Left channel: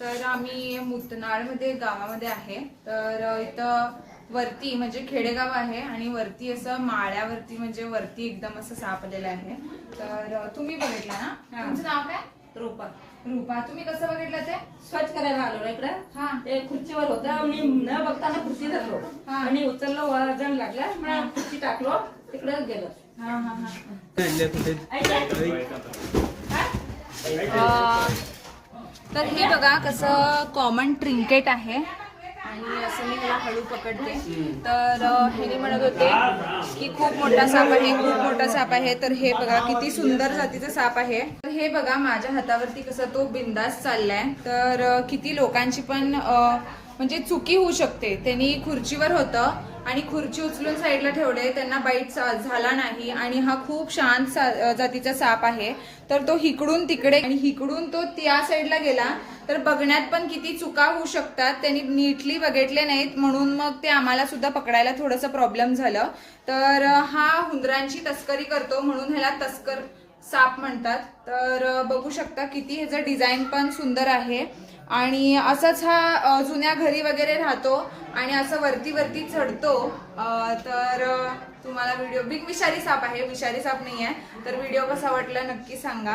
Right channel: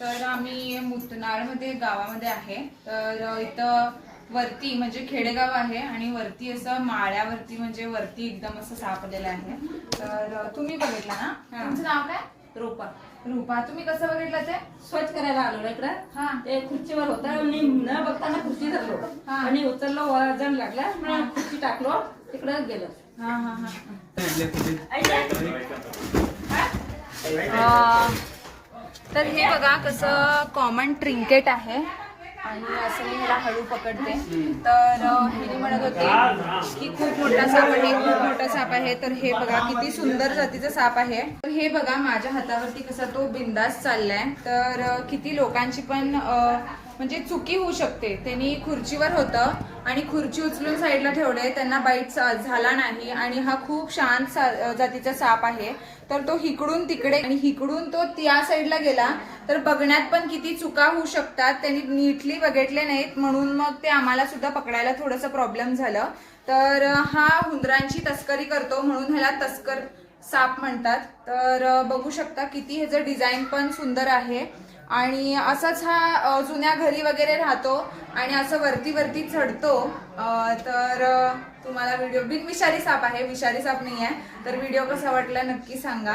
तर आम्ही मुतनाळमध्ये गावामध्ये आहे. तर इथं वरती म्हणजे खेडेगाव आहे आणि वरती असं माळ्यावरती म्हणजे वरती एकदम असं साप आलेलं आहे. तर तुम्ही बघितला ना? तुमचं नाव काय? रूपा. रूपा. तुम्ही कसं बघितलं ते? स्वच्छ करायला आलो ना इकडं. हा. ते खुर्चीवर होता आणि न बघताना खुर्ची धरलो हा. आणि उचललो, वजन लागला, मग खुर्ची टाकलो, तिकडे गेलो. हा हा हा. तर हे बघा कसं कॉमन ट्रिंकेट आहे आणि असं मी ह्याला हळू पकडते. तर हे म्हणत होते की खूप मोठा साप आहे, खूप मोठा साप आहे. तर हे बघा किती सुंदर जातीचा साप आहे. तर हे बघा माझ्या हातावरती कसा तो बिंदास चाललाय. तर किती लोकांची पण म्हणजे चुकी होऊ शकते. त्यांनी खुर्चीवर होतं आणि खुर्ची उचलून साईडला ठेवले, त्यांना बाईट झाला नाही आणि हा खूप शांत जातीचा साप आहे. तर तो हिकडून तिकडे आणि हिकडून तो त्या साईडला गेला. तर बघण्यात पण किती चुका होऊ शकतात. त्यांनी नीटली बघितले नाहीत म्हणून मग ते आम्हाला सुद्धा पकडायला थोडंसं प्रॉब्लेम झालं. तर हा हुंदरांची तस्करी करतो म्हणून ह्याला तस्कर साप म्हणतात. तर बघू शकता किती ह्याचं डिझाईन पण सुंदर आहे आणि असंच हा जुन्या घरी वगैरे राहतो आणि असं वरती वरती चढतो. तर तुम्हाला व्हिडिओ बिग विषारी साप आहे, विषारी साप नाही आहे. तर व्हिडिओ कसा वाटला नक्की सांगा.